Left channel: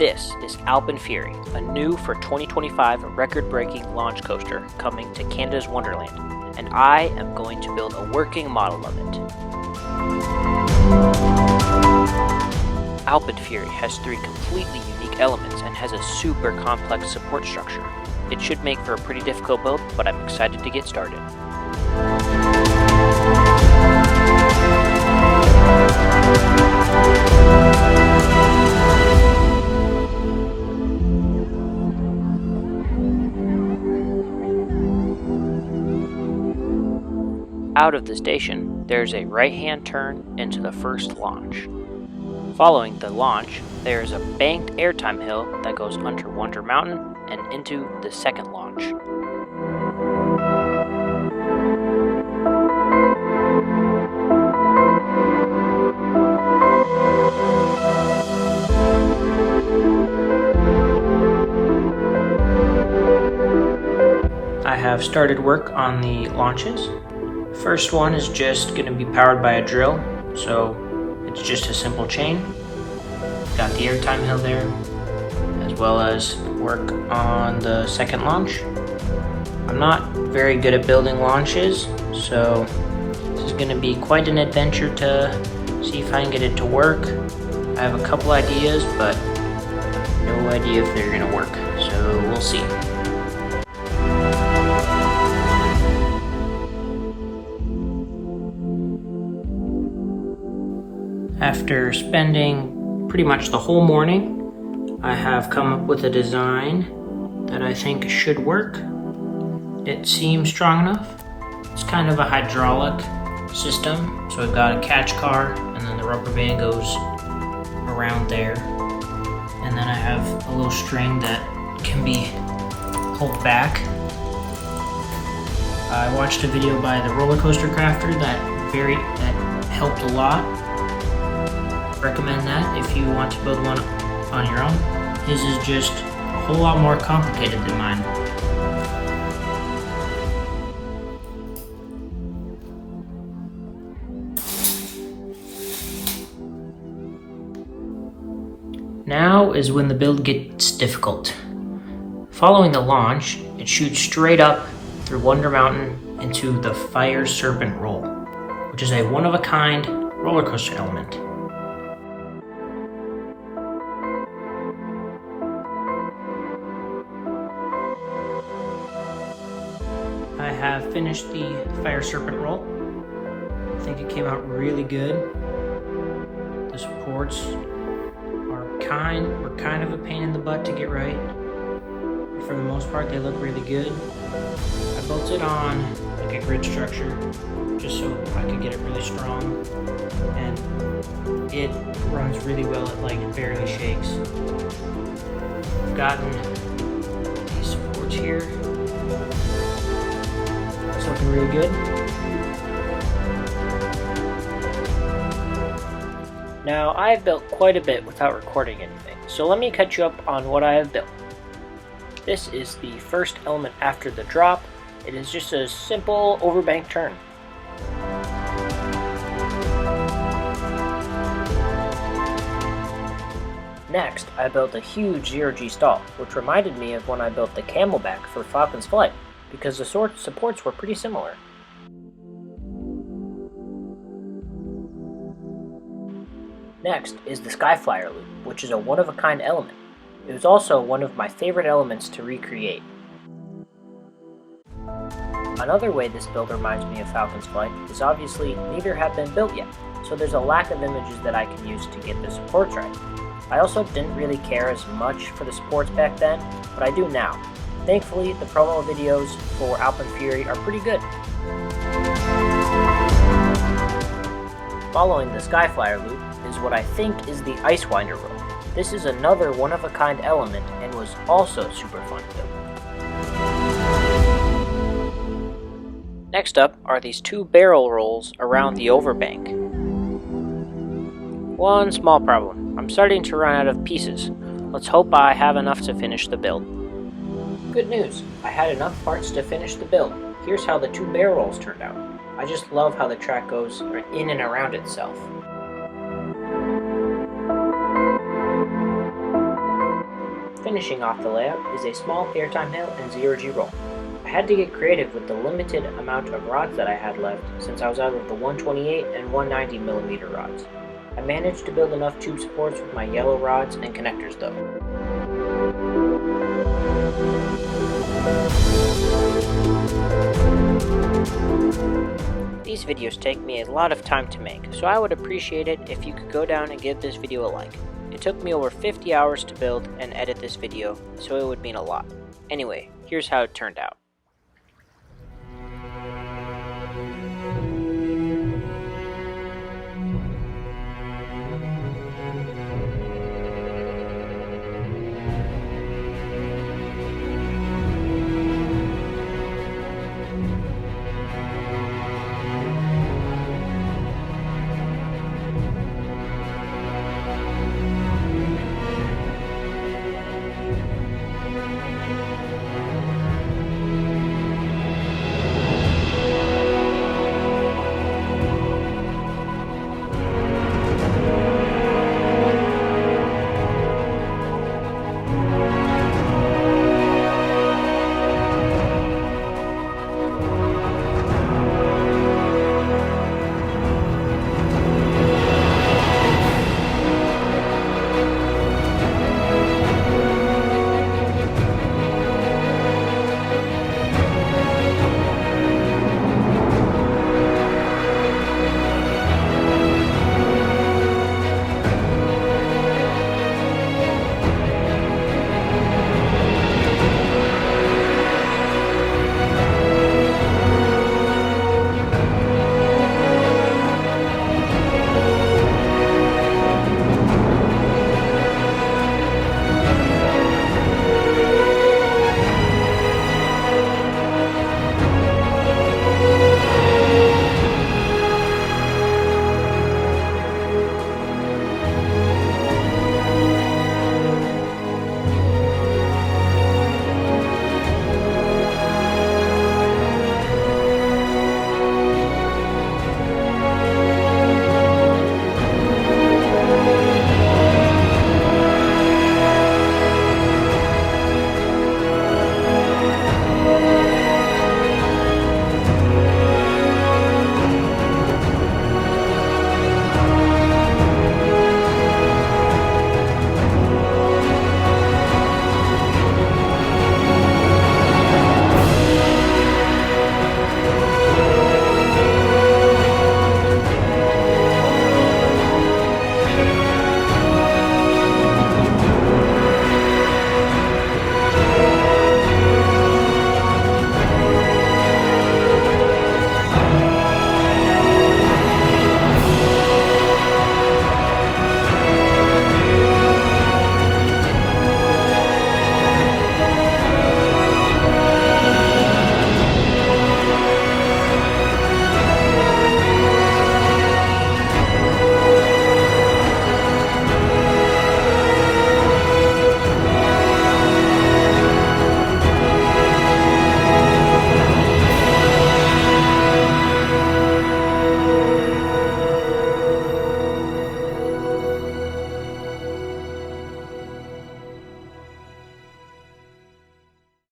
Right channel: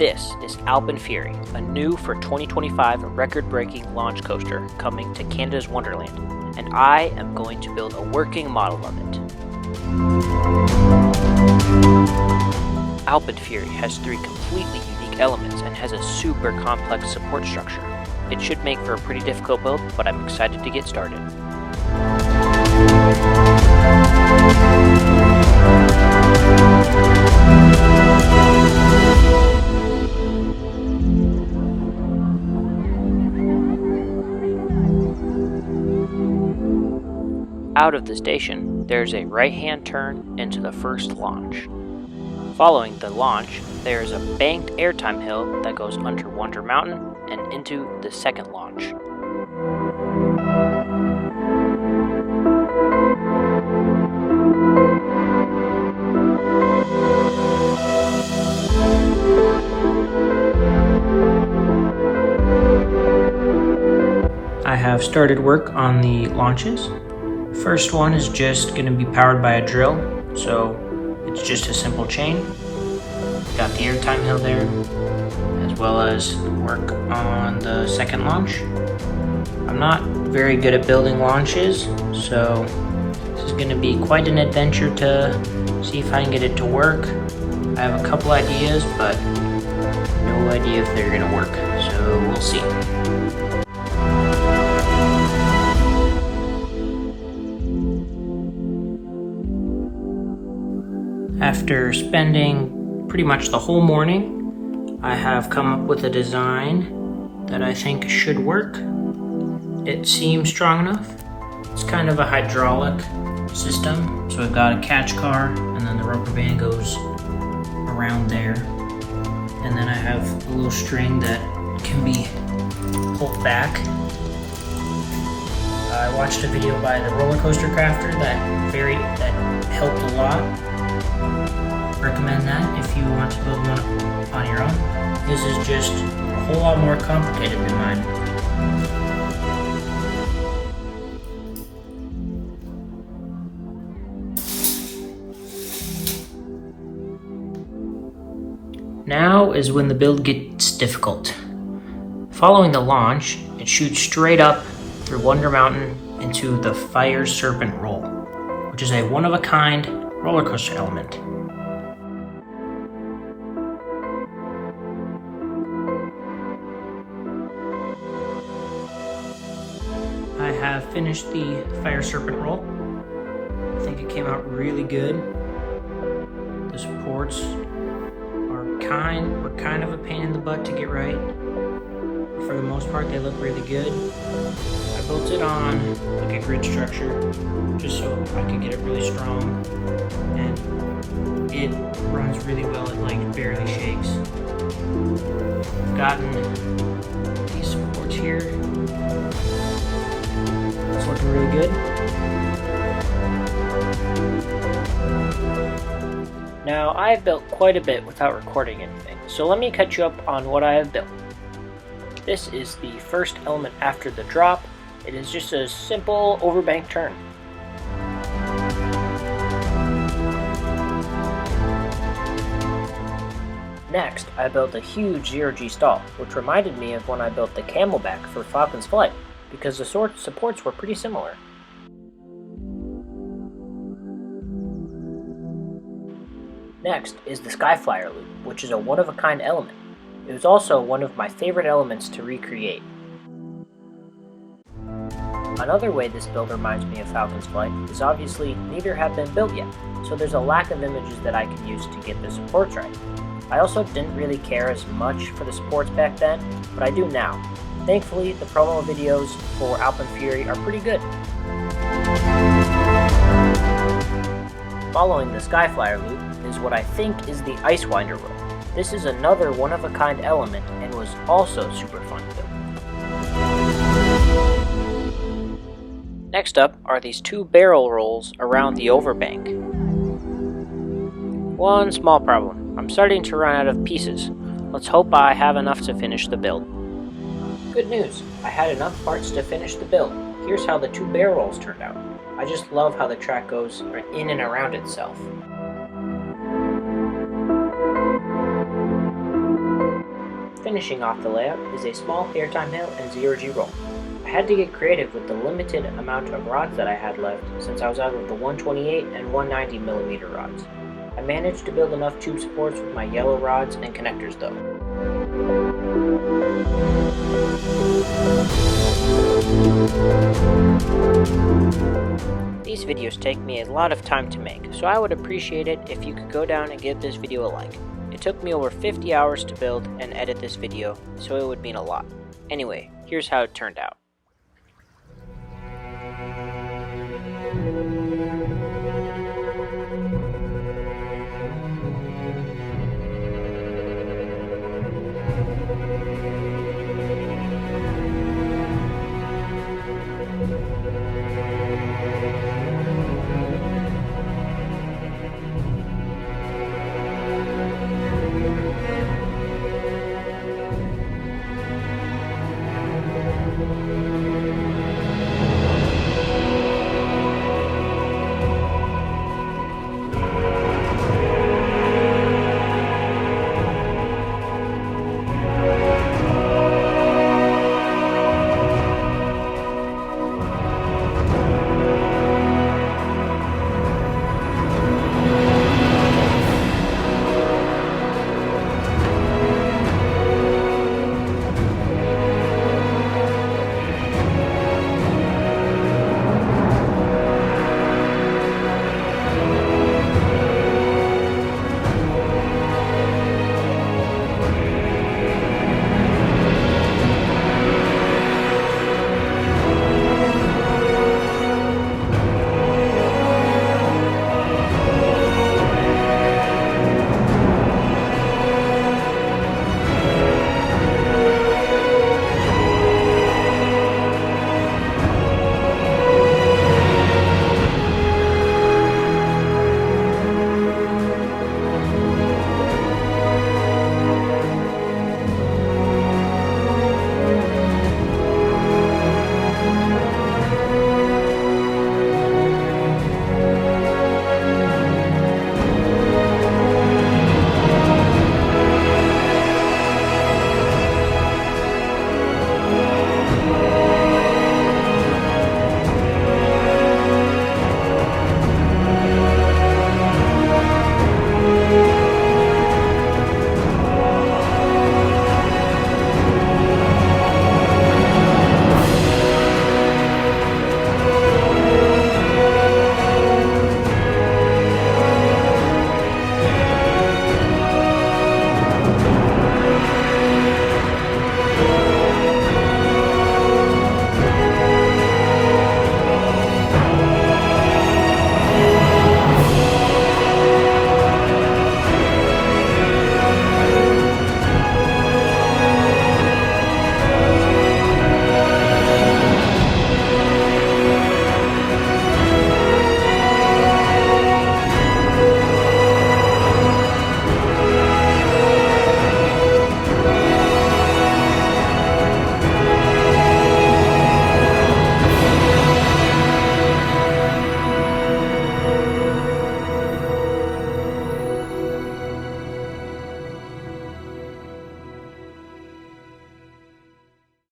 This is Alpen Fury, a new for 2025 record-breaking launch coaster coming to Canada's Wonderland, and I am going to build a working model of it. Alpen Fury has 3 completely unique elements and has a super complex support structure. It should make for a pretty difficult build, but I'm excited to get started. Out of the station, there's a right-hand turn into the first launch. Following the launch, there is a banked airtime hill that goes under Wonder Mountain and into the second launch. I have started work on the launches. First one is just going to be powered by a drill, so it's just a simple chain. Got the airtime hill there, as well as work on the second launch. I'm not very good at building launches, so this is going to be quite an adventure to see if I can get it to work. I have a couple ideas, but no idea if they're going to work, so we'll see. After spending pretty much the whole morning, I have come up with a design that I think should work. It seems strong enough. It's kind of a hydraulic system, so I've got a catch car, and then the rubber band goes around there. And then I have a little string that can be pulled back. I watched a video by the RollerCoasterCrafters that helped a lot. Recommend that if you want to build one on your own. This is just a whole lot more complicated than mine. Now is when the build gets difficult. Following the launch, it shoots straight up through Wonder Mountain into the Fire Serpent Roll, which is a one-of-a-kind roller coaster element. I have finished the Fire Serpent Roll. I think it came out really good. The supports were kind of a pain in the butt to get right. But for the most part, they look really good. I built it on like a grid structure just so I could get it really strong. And it runs really well, it like barely shakes. I've gotten these supports here. It's looking really good. Now, I've built quite a bit without recording anything, so let me catch you up on what I have built. This is the first element after the drop. It is just a simple overbank turn. Next, I built a huge 0G stall, which reminded me of when I built the camelback for Falcons flight, because the supports were pretty similar. Next is the Skyflyer loop, which is a one-of-a-kind element. It was also one of my favorite elements to recreate. Another way this build reminds me of Falcon's flight is obviously neither have been built yet, so there's a lack of images that I can use to get the supports right. I also didn't really care as much for the supports back then, but I do now. Thankfully, the promo videos for Alpen Fury are pretty good. Following the Skyflyer loop is what I think is the Ice Winder roll. This is another one-of-a-kind element and was also super fun to build. Next up are these 2 barrel rolls around the overbank. One small problem. I'm starting to run out of pieces. Let's hope I have enough to finish the build. Good news, I had enough parts to finish the build. Here's how the 2 barrel rolls turned out. I just love how the track goes in and around itself. finishing off the layout is a small airtime hill and 0G roll. I had to get creative with the limited amount of rods that I had left since I was out of the 128 and 190mm rods. I managed to build enough tube supports with my yellow rods and connectors though. These videos take me a lot of time to make, so I would appreciate it if you could go down and give this video a like. It took me over 50 hours to build and edit this video, so it would mean a lot. Anyway, here's how it turned out.